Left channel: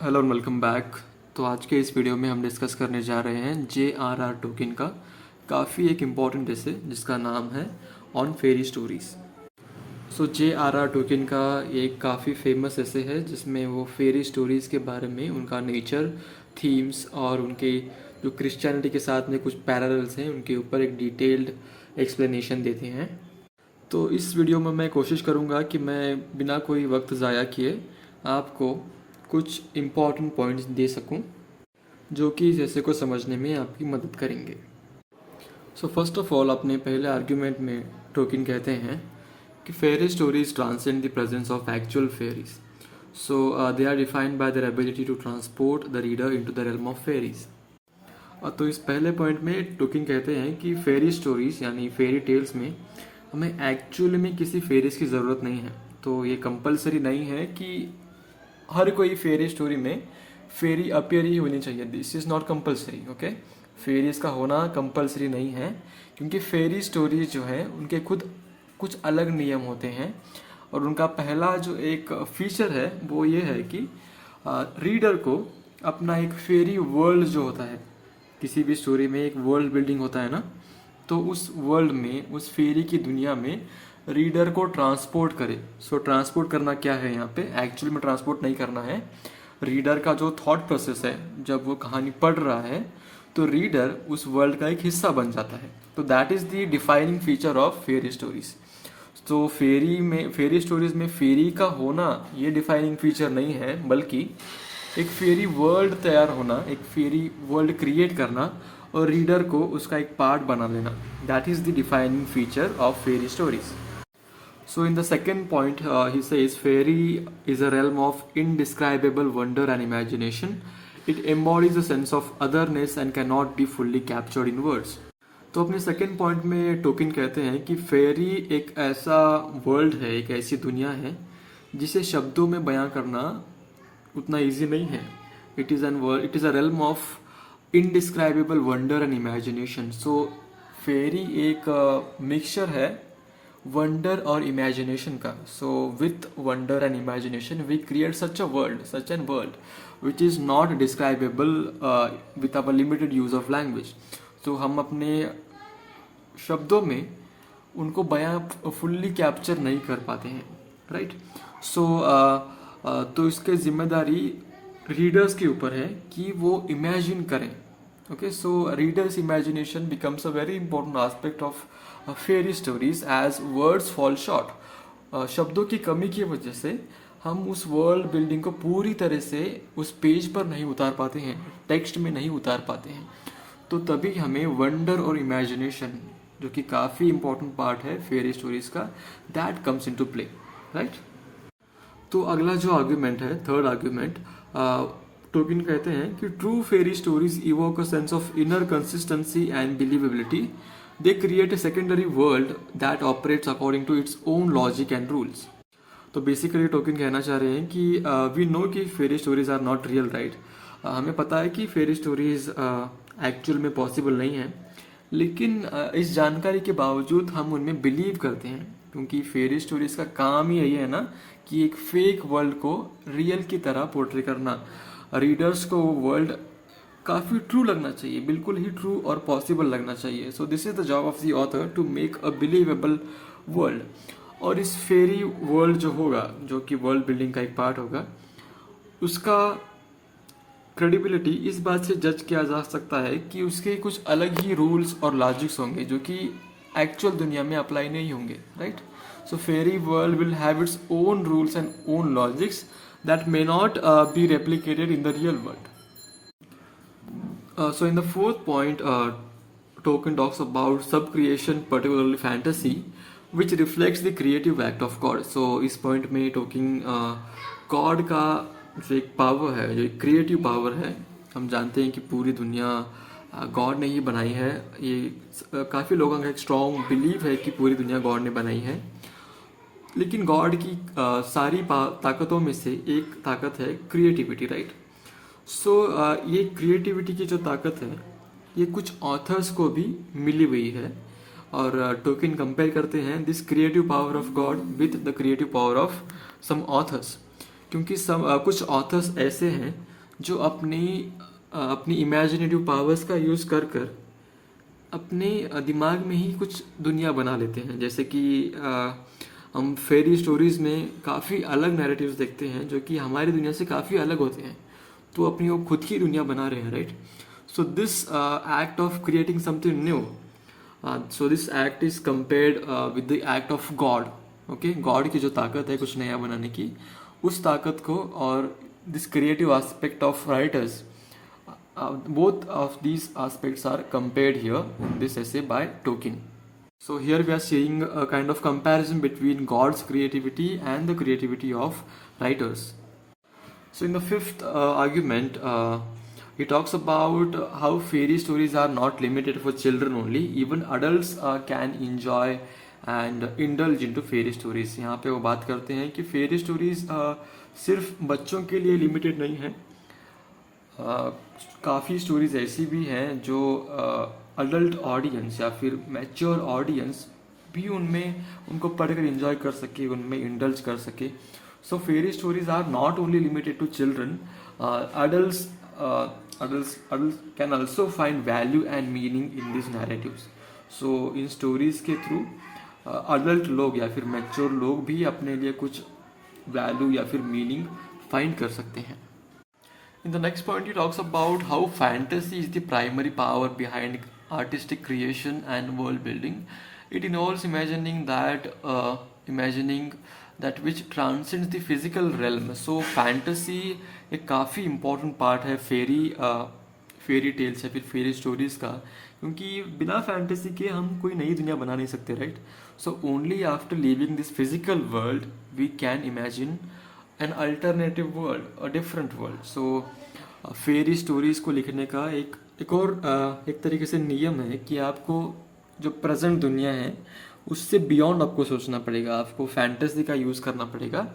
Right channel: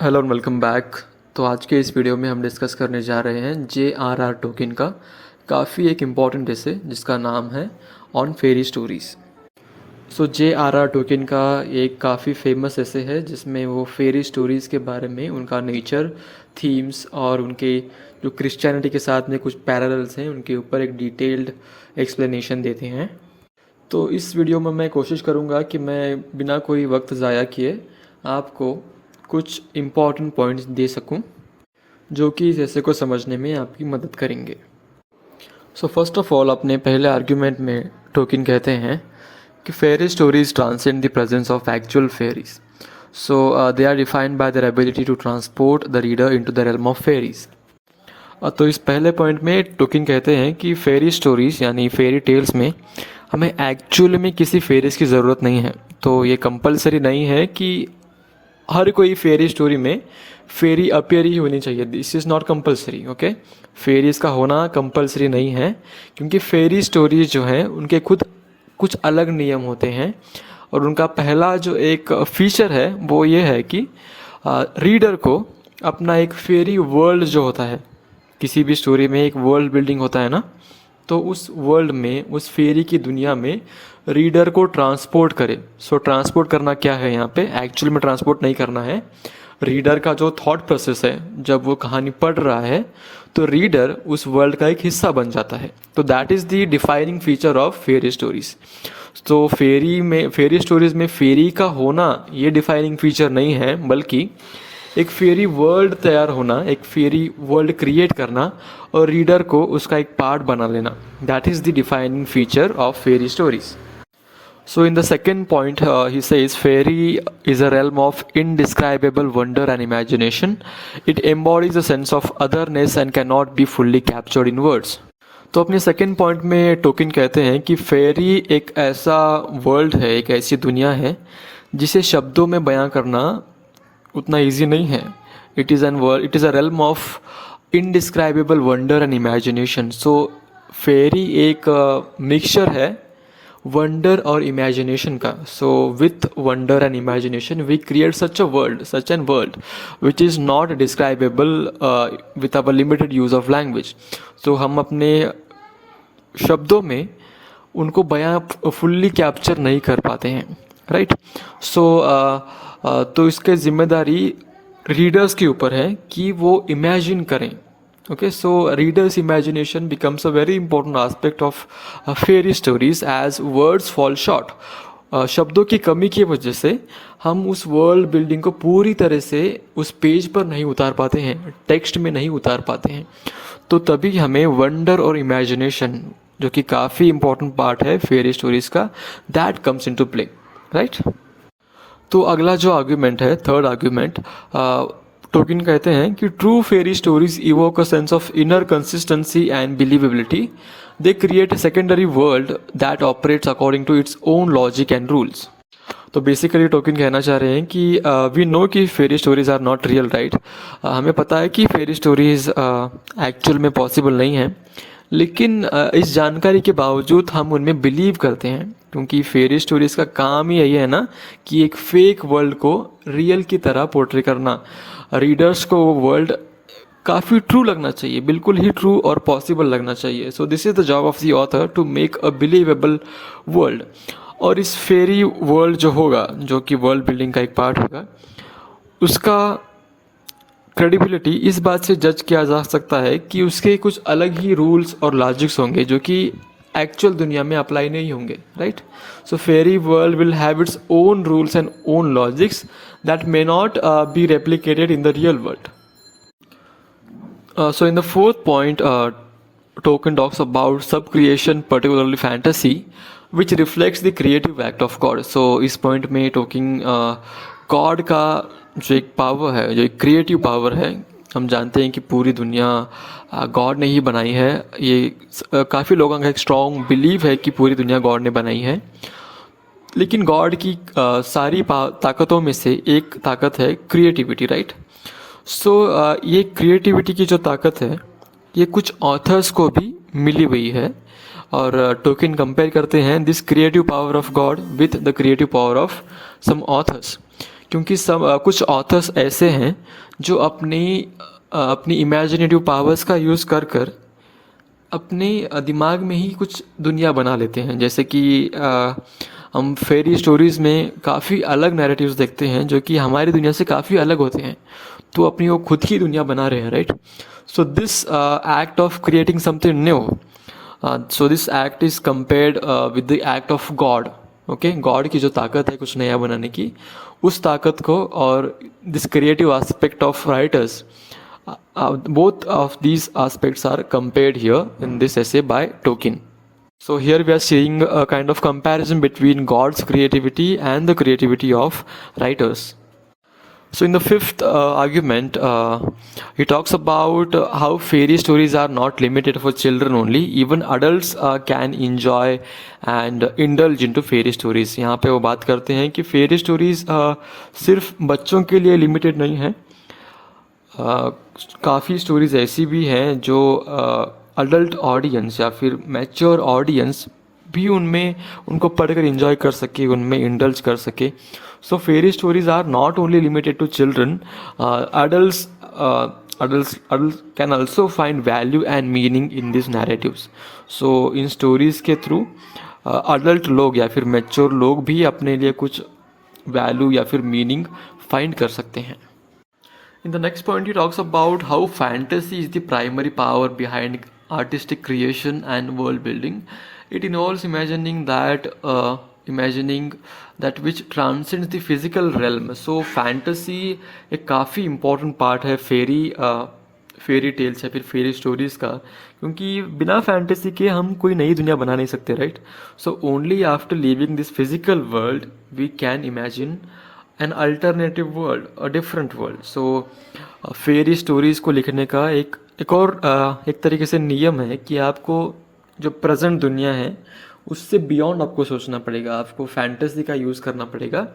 Hello and welcome back. तो आज के इस वीडियो में हम डिस्कस करने जा रहे हैं JRR टोकन का काफ़ी एक इम्पॉर्टेंट ऐसे जिसका नाम है on fairy stories. So JRR Tolkien का एक काफ़ी फेमस ऐसे है जिसमें वो फेरी स्टोरीज़ के बारे में उनका नेचर, थीम्स और उनके जो क्रिश्चियनिटी के साथ में कुछ पैरेलल्स हैं उनके ऊपर एक डिटेल्ड एक्सप्लेनेशन देते हैं। तो इस वीडियो में मैं कोशिश करूँगा कि मैं बिना कोई वक्त ज़ाया किए आपको कुछ इम्पॉर्टेंट पॉइंट्स दे सकूं जो कि इस ऐसे को समझने में आपकी मदद करेंगे। सो फर्स्ट ऑफ ऑल अपने पहले आर्ग्यूमेंट में टोकिन कहते हैं कि fairy stories transcend the presence of actual fairies, so they are defined by their ability to transport the reader into the realm of fairies. तो इस पहले पॉइंट में टोकिन कहते हैं कि फेरी स्टोरीज यानी फेरी टेल्स में हमें एक्चुअली में किसी फेरीज की ज़रूरत नहीं है। तो ये कंपलसरी नहीं है कि हर कोई फेरी स्टोरी में फेरी अपीयर ही होनी चाहिए। This is not compulsory. Okay, fairies का होना कंपलसरी नहीं है क्योंकि फेरी स्टोरीज जो हैं उनके खुद कुछ अलग नियम होते हैं और उनका पहला जो एक फीचर है वो ये है कि रीडर को अपना एक फेरी वर्ल्ड जो होता है, किसी भी स्टोरी में एक वर्ल्ड बिल्डिंग होता है ना, तो उस वर्ल्ड में उस फेरी की दुनिया में रीडर को ट्रांसपोर्ट करे। सो ट्रांसपोर्ट करना क्या है यहाँ पे, एक्चुअली में ट्रांसपोर्ट नहीं करना है। रीडर का जो थॉट प्रोसेस है, जब वो कहानी पढ़ रहा है तो रीडर उस वर्ल्ड का एक हिस्सा बन जाता है। तो that is the defining feature of fairy stories. तो फेरी स्टोरीज में फेरी का होना ये डिफाइनिंग फीचर नहीं है, बल्कि एक फेरी वर्ल्ड तैयार होना, एक फेरी वर्ल्ड क्रिएट करना और रीडर को उसका एक पार्ट बना लेना, that is the defining feature of fairy stories. So in the second point, he says fairy is a realm of indescribable wonder and imagination. It embodies a sense of otherness and cannot be fully captured in words. तो अपने second point में Tonkin कहते हैं कि फेरी एक ऐसा world है, एक ऐसी दुनिया है जिसे शब्दों में बयां करना उतना इजी नहीं है। It is a realm of indescribable wonder and imagination. So fairy एक मिक्सचर है वंडर और इमेजिनेशन का। So with wonder and imagination we create such an world which is not describable with our limited use of language. तो हम अपने शब्दों में उनको बयां फुल्ली कैप्चर नहीं कर पाते हैं, राइट। तो इसके जिम्मेदारी रीडर्स के ऊपर है कि वो इमेजिन करें। Okay, so readers' imagination becomes a very important aspect of fairy stories as words fall short. शब्दों की कमी की वजह से हम उस वर्ल्ड बिल्डिंग को पूरी तरह से उस पेज पर नहीं उतार पाते हैं, टेक्स्ट में नहीं उतार पाते हैं। तो तभी हमें वंडर और इमेजिनेशन, जो कि काफ़ी इंपॉर्टेंट पार्ट है फेरी स्टोरीज का, that comes into play, right. तो अगला जो आर्ग्यूमेंट है, थर्ड आर्ग्यूमेंट, टोकिन कहते हैं कि true fairy stories evoke a sense of inner consistency and believability. They create a secondary world that operates according to its own logic and rules. तो basically Tolkien कहना चाह रहे हैं कि वी नो कि fairy stories are not real, right. हमें पता है कि फेरी स्टोरीज एक्चुअल में पॉसिबल नहीं है, लेकिन इस जानकारी के बावजूद हम उनमें बिलीव करते हैं क्योंकि फेरी स्टोरीज का काम ही यही है ना कि एक फेक वर्ल्ड को रियल की तरह पोर्ट्रे करना। रीडर्स को वो वर्ल्ड काफ़ी ट्रू लगना चाहिए, बिल्कुल ही ट्रू और पॉसिबल लगना चाहिए। So this is the job of the author to make a believable world. और इस फेरी वर्ल्ड जो होगा, जो कि वर्ल्ड बिल्डिंग का एक पार्ट होगा, उसका क्रेडिबिलिटी इस बात से जज किया जा सकता है कि उसके कुछ अलग ही रूल्स और लॉजिक्स होंगे जो कि एक्चुअल दुनिया में अप्लाई नहीं होंगे, right. So fairy world will have its own rules and own logics that may not be replicated in the real world. So in the fourth point, Token talks about sub-creation, particularly fantasy, which reflects the creative act of God. So इस point में Token God का जो एक power है, जो एक creative power है, हम जानते हैं कि पूरी दुनिया गॉड ने ही बनाई है। ये काफ़ी लोगों का एक स्ट्रॉन्ग बिलीव है कि पूरी दुनिया गॉड ने बनाई है, लेकिन गॉड की सारी ताकतों में से एक ताकत है क्रिएटिविटी, राइट। सो ये क्रिएटिविटी की जो ताकत है ये कुछ ऑथर्स को भी मिली हुई है और टोकिन कंपेयर करते हैं this creative power of God with the creative power of some authors क्योंकि कुछ ऑथर्स ऐसे हैं जो अपनी इमेजिनेटिव पावर्स का यूज़ कर कर अपने दिमाग में ही कुछ दुनिया बना लेते हैं। जैसे कि हम फेरी स्टोरीज़ में काफ़ी अलग नैरेटिव्स देखते हैं जो कि हमारी दुनिया से काफ़ी अलग होते हैं, तो अपनी वो खुद की दुनिया बना रहे हैं, right. So this act of creating something new, so this act is compared with the act of God. Okay, God की जो ताकत है कुछ नया बनाने की, उस ताकत को और this creative aspect of writers, both of these aspects are compared here in this essay by Tolkien. So here we are seeing a kind of comparison between God's creativity and the creativity of writers. So in the fifth argument, he talks about how fairy stories are not limited for children only. Even adults can enjoy and indulge into fairy stories. यहाँ पे वो बात करते हैं कि fairy stories सिर्फ बच्चों के लिए limited नहीं है। काफ़ी स्टोरीज़ ऐसी भी हैं जो अडल्ट ऑडियंस या फिर मैच्योर ऑडियंस भी उनमें उनको पढ़कर एंजॉय कर सके, उनमें इंडल्ज कर सके। So fairy stories are not only limited to children, adults can also find value and meaning in these narratives. So in stories के थ्रू अडल्ट लोग या फिर मैच्योर लोग भी अपने लिए कुछ वैल्यू या फिर मीनिंग फाइंड कर सकते हैं। In the next point, he talks about how fantasy is the primary power behind artistic creation and world building. It involves imagining that which transcends the physical realm. So fantasy एक काफ़ी important part है fairy tales या फिर फेरी stories का, क्योंकि बिना fantasy के हम कोई नई दुनिया बना नहीं सकते, right. So only after living this physical world we can imagine an alternative world, a different world. So fairy stories को लिखने का एक तरीके से नियम है कि आपको जो प्रेजेंट दुनिया है उससे बियॉन्ड आपको सोचना पड़ेगा, आपको फैंटेसी का यूज़ करना पड़ेगा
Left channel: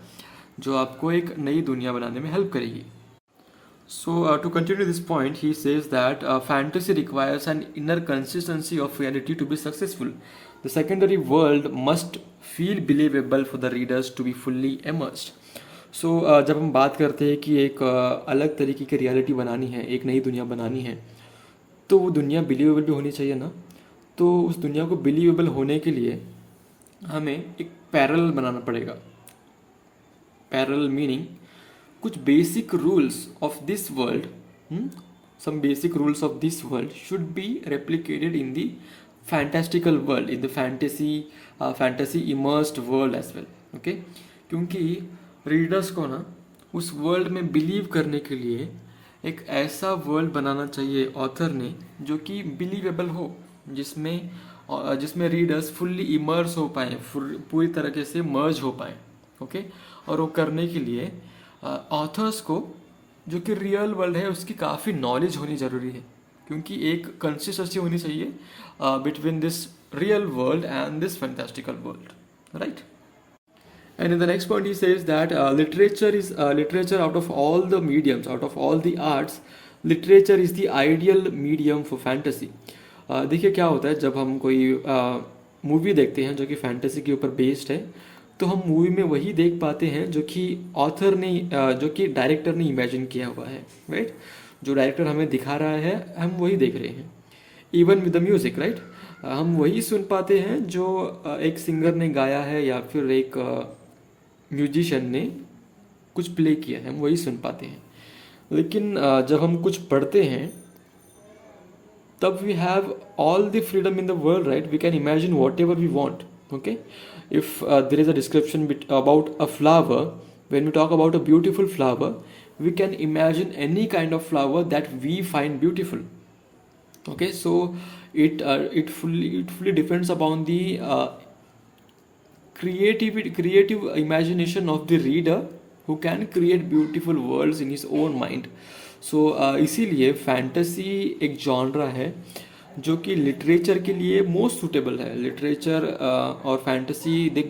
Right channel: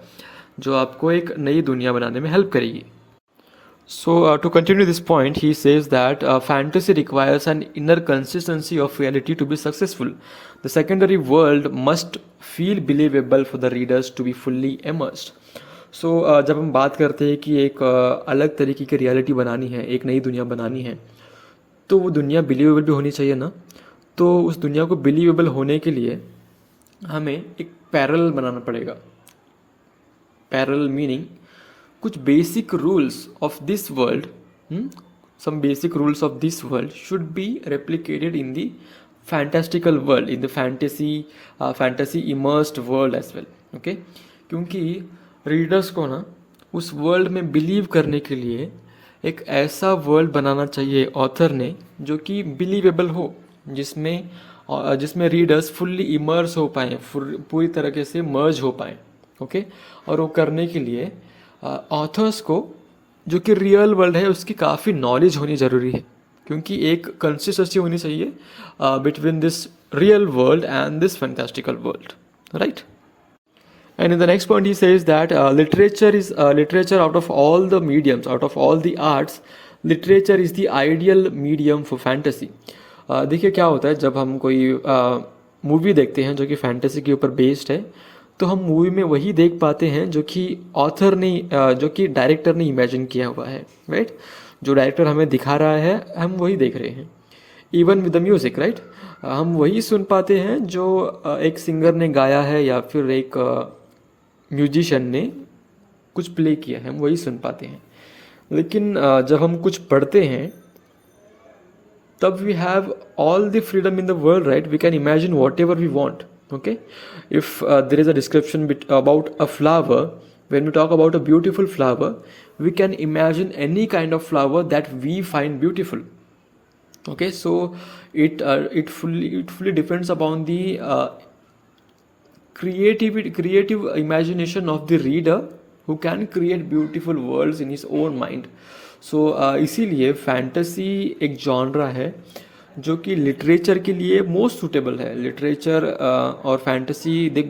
जो आपको एक नई दुनिया बनाने में हेल्प करेगी। So to continue this point, he says that fantasy requires an inner consistency of reality to be successful. The secondary world must feel believable for the readers to be fully immersed. So जब हम बात करते हैं कि एक अलग तरीके की रियलिटी बनानी है, एक नई दुनिया बनानी है, तो वो दुनिया बिलीवेबल भी होनी चाहिए ना। तो उस दुनिया को बिलीवेबल होने के लिए हमें एक पैरेलल बनाना पड़ेगा। पैरेलल मीनिंग कुछ basic rules of this world, some basic rules of this world should be replicated in the fantastical world, in the fantasy immersed world as well. Okay, क्योंकि रीडर्स को ना उस वर्ल्ड में believe करने के लिए एक ऐसा वर्ल्ड बनाना चाहिए ऑथर ने जो कि बिलीवेबल हो, जिसमें रीडर्स फुल्ली इमर्स हो पाएँ, पूरी तरीके से मर्ज हो पाएँ। ओके, और वो करने के लिए ऑथर्स को जो कि रियल वर्ल्ड है उसकी काफ़ी नॉलेज होनी ज़रूरी है, क्योंकि एक कंसिस्टेंसी होनी चाहिए between this real world and this fantastical world, right. And in the next point he says that literature out of all the mediums, out of all the arts, literature is the ideal medium for fantasy. देखिए क्या होता है जब हम कोई movie देखते हैं जो कि फैंटेसी के ऊपर बेस्ड है, तो हम मूवी में वही देख पाते हैं जो कि डायरेक्टर ने इमेजिन किया हुआ है, राइट। जो डायरेक्टर हमें दिखा रहा है हम वही देख रहे हैं। Even with the music, right, हम वही सुन पाते हैं जो एक सिंगर ने गाया है या फिर एक म्यूजिशियन ने कुछ प्ले किया है, हम वही सुन पाते हैं। लेकिन जब हम कुछ पढ़ते हैं तब we have all the freedom in the world, right. We can imagine whatever we want. Okay, if there is a description about a flower, when we talk about a beautiful flower, we can imagine any kind of flower that we find beautiful. Okay, so it fully depends upon the creative imagination of the reader who can create beautiful worlds in his own mind. So इसीलिए fantasy एक genre है जो कि literature के लिए most suitable है। Literature और fantasy they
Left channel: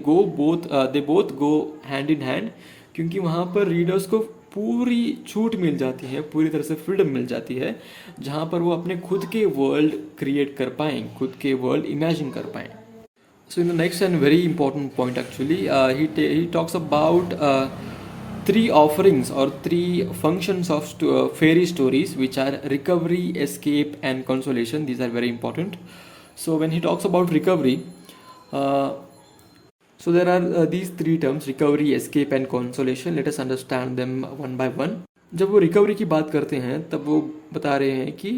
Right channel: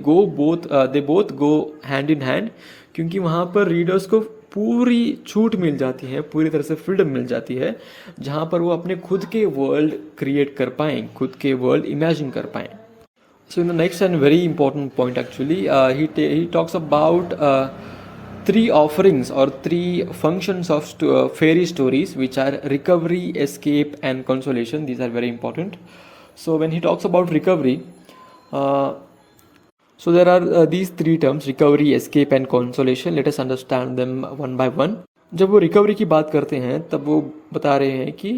both go hand in hand, क्योंकि वहाँ पर रीडर्स को पूरी छूट मिल जाती है, पूरी तरह से फ्रीडम मिल जाती है, जहाँ पर वो अपने खुद के वर्ल्ड क्रिएट कर पाएँ, खुद के वर्ल्ड इमेजिन कर पाएँ। So in the next and very important point actually he talks about three offerings or three functions of fairy stories, which are recovery, escape, and consolation. These are very important. So when he talks about recovery, so there are these three terms: recovery, escape, and consolation. Let us understand them one by one. जब वो recovery की बात करते हैं तब वो बता रहे हैं कि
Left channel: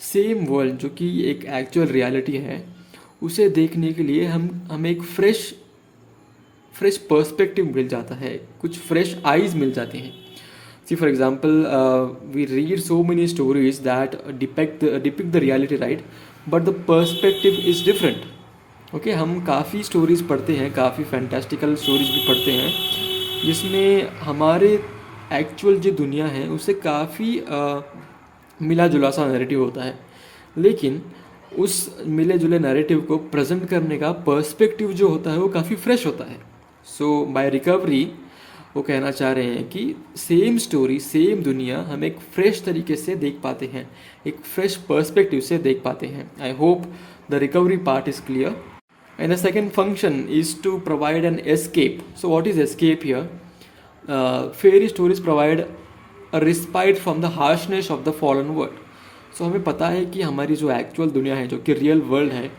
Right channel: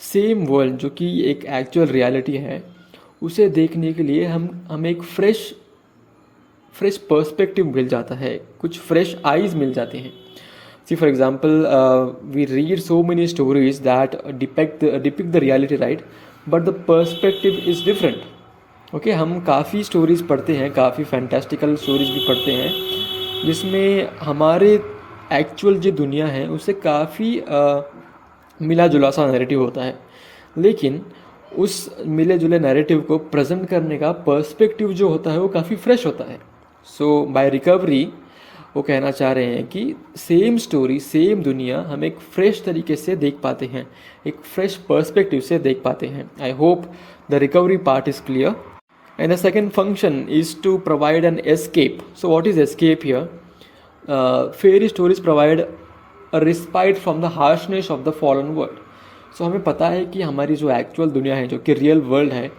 सेम वर्ल्ड जो कि एक एक्चुअल रियलिटी है, उसे देखने के लिए हमें एक फ्रेश पर्सपेक्टिव मिल जाता है, कुछ फ्रेश आइज मिल जाते हैं. See for example, we read so many stories that depict the reality, right, but the perspective is different. Okay, हम काफ़ी स्टोरीज पढ़ते हैं, काफ़ी फैंटास्टिकल स्टोरीज भी पढ़ते हैं, जिसमें हमारे एक्चुअल जो दुनिया है उससे काफ़ी मिला जुला सा नैरेटिव होता है, लेकिन उस मिले जुले नैरेटिव को प्रेजेंट करने का पर्सपेक्टिव जो होता है वो काफ़ी फ्रेश होता है. सो बाय रिकवरी वो कहना चाह रहे हैं कि सेम स्टोरी, सेम दुनिया हम एक फ्रेश तरीके से देख पाते हैं, एक फ्रेश पर्सपेक्टिव से देख पाते हैं. I hope the recovery part is clear. And the second function is to provide an escape. So what is escape here? Fairy stories provide a respite from the harshness of the fallen world. So हमें पता है कि हमारी जो actual दुनिया है, जो कि रियल वर्ल्ड है,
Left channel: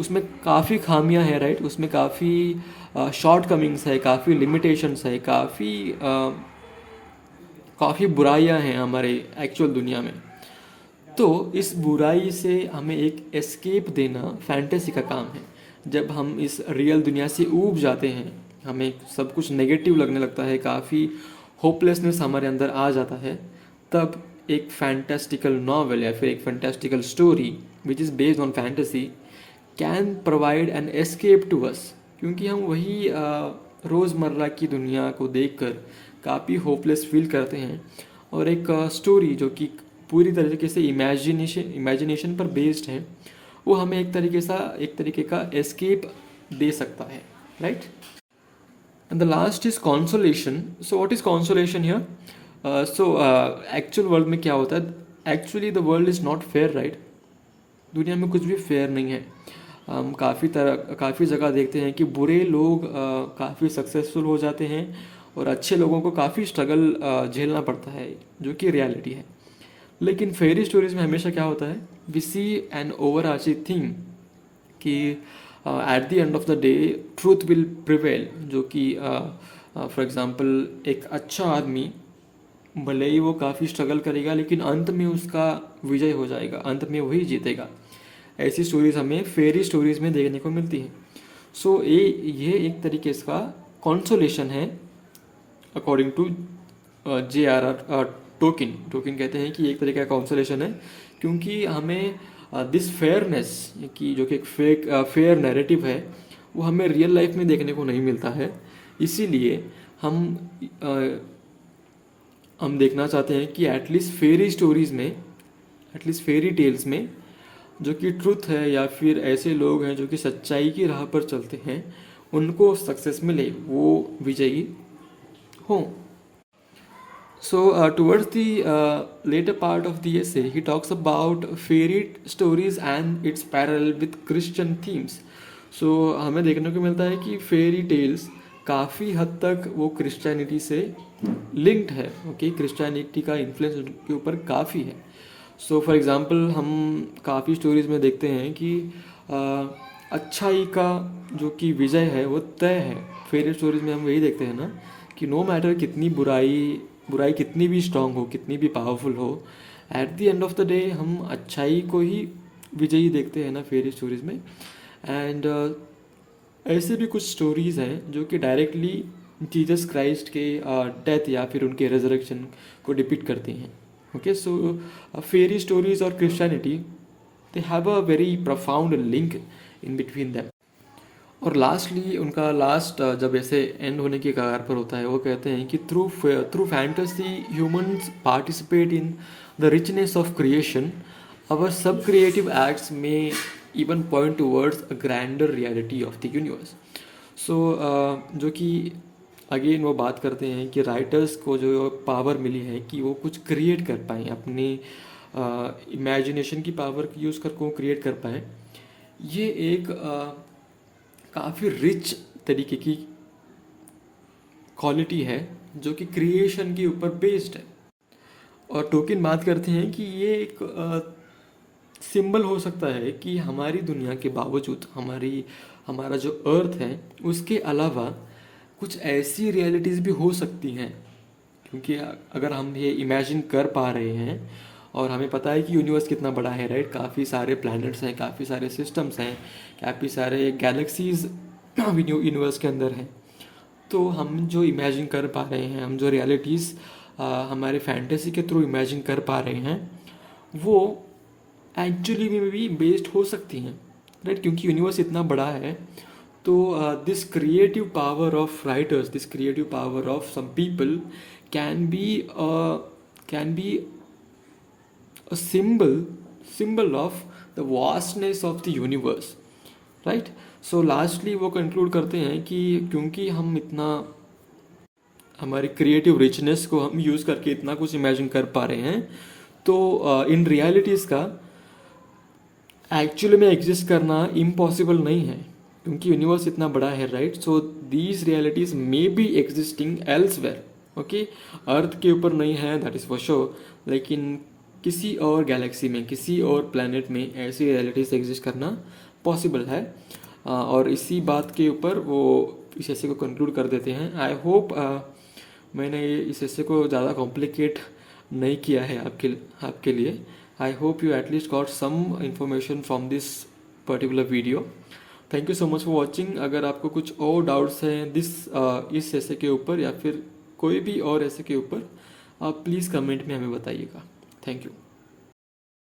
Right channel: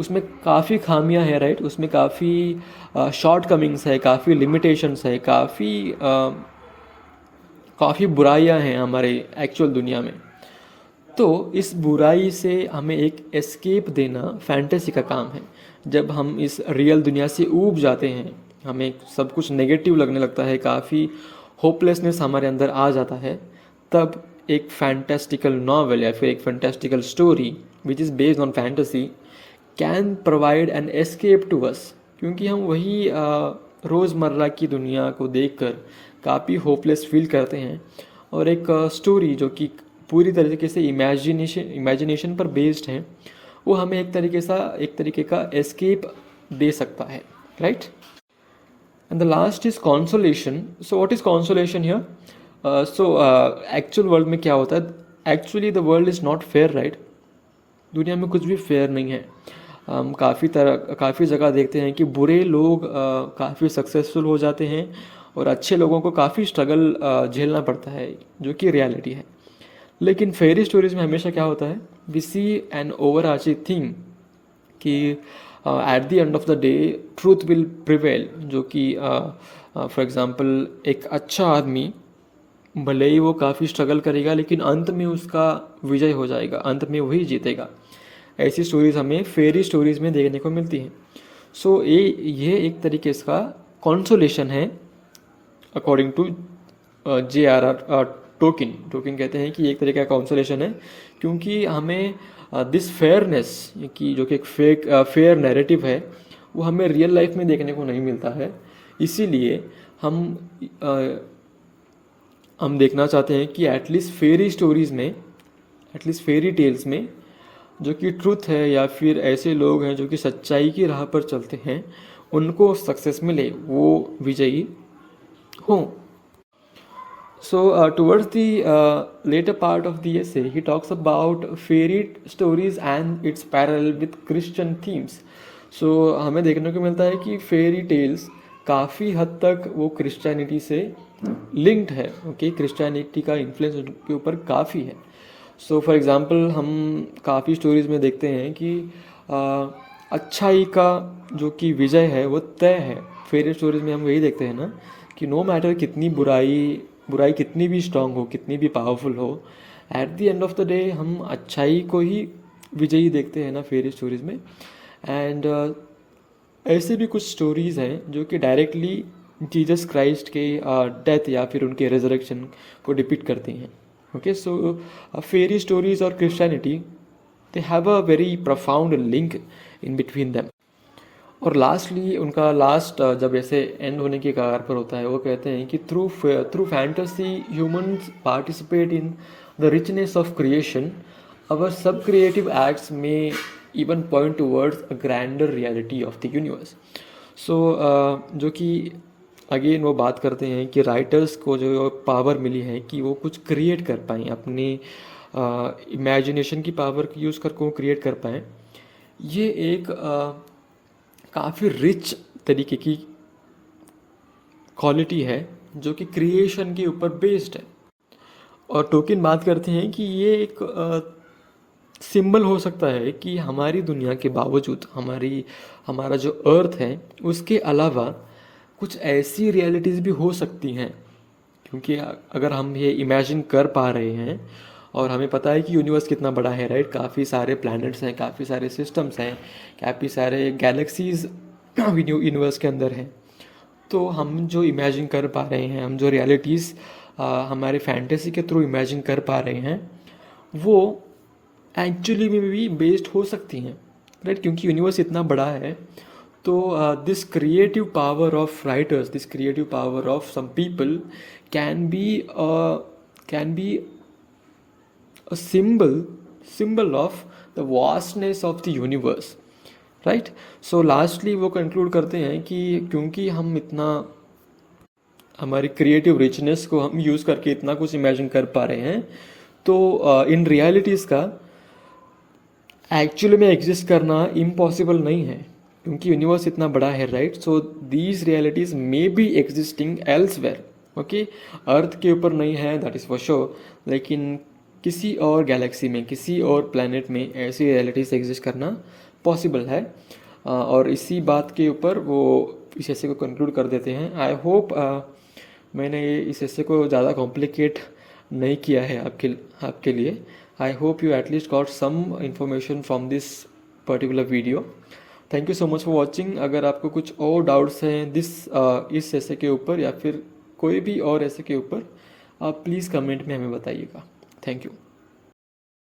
उसमें काफ़ी खामियां हैं, राइट, उसमें काफ़ी शॉर्ट कमिंग्स है, काफ़ी लिमिटेशंस है, काफ़ी बुराइयां हैं हमारे एक्चुअल दुनिया में. तो इस बुराई से हमें एक एस्केप देना फैंटेसी का काम है. जब हम इस रियल दुनिया से ऊब जाते हैं, हमें सब कुछ नेगेटिव लगने लगता है, काफ़ी होपलेसनेस हमारे अंदर आ जाता है, तब एक फैंटास्टिकल नॉवेल या फिर एक fantastical story which is based on fantasy can provide an escape to us. क्योंकि हम वही रोज़मर्रा की दुनिया को देखकर काफ़ी होपलेस फील करते हैं, और एक स्टोरी जो कि पूरी तरीके से इमेजिनेशन पर बेस्ड है, वो हमें एक तरीके का एस्केप दे सकता है, right. And the last is consolation. So what is consolation here? So actual world में क्या होता है? Actually the world is not fair, right. दुनिया में कुछ भी फेयर नहीं है. हम काफ़ी जगह देखते हैं कि बुरे लोग काफ़ी सक्सेसफुल हो जाते हैं और अच्छे लोगों को काफ़ी स्ट्रगल झेलना पड़ता है, जो कि रियलिटी है. लेकिन फेरी स्टोरीज में हमेशा क्या होता है? We see an overarching theme कि at the end of the day truth will prevail. जो कि फॉर एग्जांपल एक अच्छा आदमी भले ही वो काफ़ी स्ट्रगल करेगा, लेकिन अंत में उसका विजय हो जाएगा, अंत में वही जीतेगा. ऐसी स्टोरीज हमें फेरी स्टोरीज में देखने को मिलती हैं. सो ये एक तरीके का कॉन्सोलेशन है अकॉर्डिंग टू J.R.R. टोकिन कहते हैं कि एक तरीके का कॉन्सोलेशन है, क्योंकि हमें दिस फेयरनेस की जो कि एक फेयर नैरेटिव है, वो हमें रियल लाइफ में देखने को नहीं मिलता है. इसीलिए हम देखना चाहते हैं कि एटलीस्ट फेरी स्टोरीज में, एटलीस्ट फेरी टेल्स में जो कि ट्रुथ है, या फिर ऐसे लोग हैं जो कि सच्चाई की राह पर चलते हैं, उनको सक्सेस मिले, वो विजयी हो. So towards the later part of the essay, he talks about fairy stories and its parallel with Christian themes. So हमें देखने को मिलता है कि फेरी टेल्स काफ़ी हद तक वो क्रिश्चियनिटी से लिंक्ड है. ओके, क्रिश्चियनिटी का इन्फ्लुएंस उनके ऊपर काफ़ी है. सो फॉर एग्जांपल हम काफ़ी स्टोरीज में देखते हैं कि अच्छाई का जो कि विजय है वो तय है. फेरी स्टोरीज में हम वही देखते हैं ना कि नो मैटर कितनी बुराई कितनी भी स्ट्रांग हो, कितनी भी पावरफुल हो, eight the end of the day हम अच्छाई को ही विजयी देखते हैं ना फेरी स्टोरीज में. एंड ऐसे भी कुछ स्टोरीज़ हैं जो कि डायरेक्टली जीसस क्राइस्ट के डेथ या फिर उनके रेजरेक्शन को डिपिक्ट करती हैं. ओके, सो फेरी स्टोरीज और Christianity they have a very profound link in between them. और लास्टली उनका जब ऐसे एंड होने की कगार पर होता है, वो कहते हैं कि through fantasy humans participate in the richness of creation. Our subcreative acts में even point towards a grander reality of the universe. So जो कि अगेन वो बात करते हैं कि राइटर्स को जो पावर मिली है कि वो कुछ क्रिएट कर पाएँ, अपनी इमेजिनेशन की पावर यूज़ कर को क्रिएट कर पाएँ. ये एक काफ़ी रिच तरीके की क्वालिटी है जो कि क्रिएशन के ऊपर बेस्ड है। और टोकन बात करते हैं कि ये एक सिंबल हो सकता है कि हमारी दुनिया के बावजूद हमारा जो अर्थ है उसके अलावा कुछ ऐसी रियलिटीज़ भी हो सकती हैं। क्योंकि अगर हम ये इमेजिन कर पा रहे हैं और हमें पता है कि यूनिवर्स कितना बड़ा है, राइट, काफ़ी सारे प्लैनेट्स हैं, काफ़ी सारे सिस्टम्स हैं, काफ़ी सारे गैलेक्सीज यूनिवर्स के अंदर हैं। तो हम जो इमेजिन कर पा रहे हैं, हम जो रियलिटीज़ हमारे फैंटेसी के थ्रू इमेजिन कर पा रहे हैं, वो एक्चुअली में भी बेस्ड हो सकती हैं, राइट, क्योंकि यूनिवर्स इतना बड़ा है। तो this creative power of writers, this creative power of some people can be a symbol of the vastness of the universe, right. So lastly वो कंक्लूड करते हैं कि क्योंकि हम इतना हमारी क्रिएटिव रिचनेस को हम यूज़ करके इतना कुछ इमेजिन कर पा रहे हैं, तो इन रियलिटीज़ का एक्चुअली में एग्जिस्ट करना इम्पॉसिबल नहीं है, क्योंकि यूनिवर्स इतना बड़ा है, right. So these realities may be existing elsewhere, okay. Earth के ऊपर नहीं है, दैट इज़ फॉर श्योर, लेकिन किसी और गैलेक्सी में, किसी और प्लैनेट में ऐसी रियलिटीज़ एग्जिस्ट करना पॉसिबल है। और इसी बात के ऊपर वो इस ऐसे को कंक्लूड कर देते हैं। आई होप मैंने इस ऐसे को ज़्यादा कॉम्प्लिकेट नहीं किया है आपके लिए। I hope you at least got some information from this particular video. Thank you so much for watching. अगर आपको कुछ और डाउट्स हैं इस ऐसे के ऊपर या फिर कोई भी और ऐसे के ऊपर, आप प्लीज़ कमेंट में हमें बताइएगा। Thank you.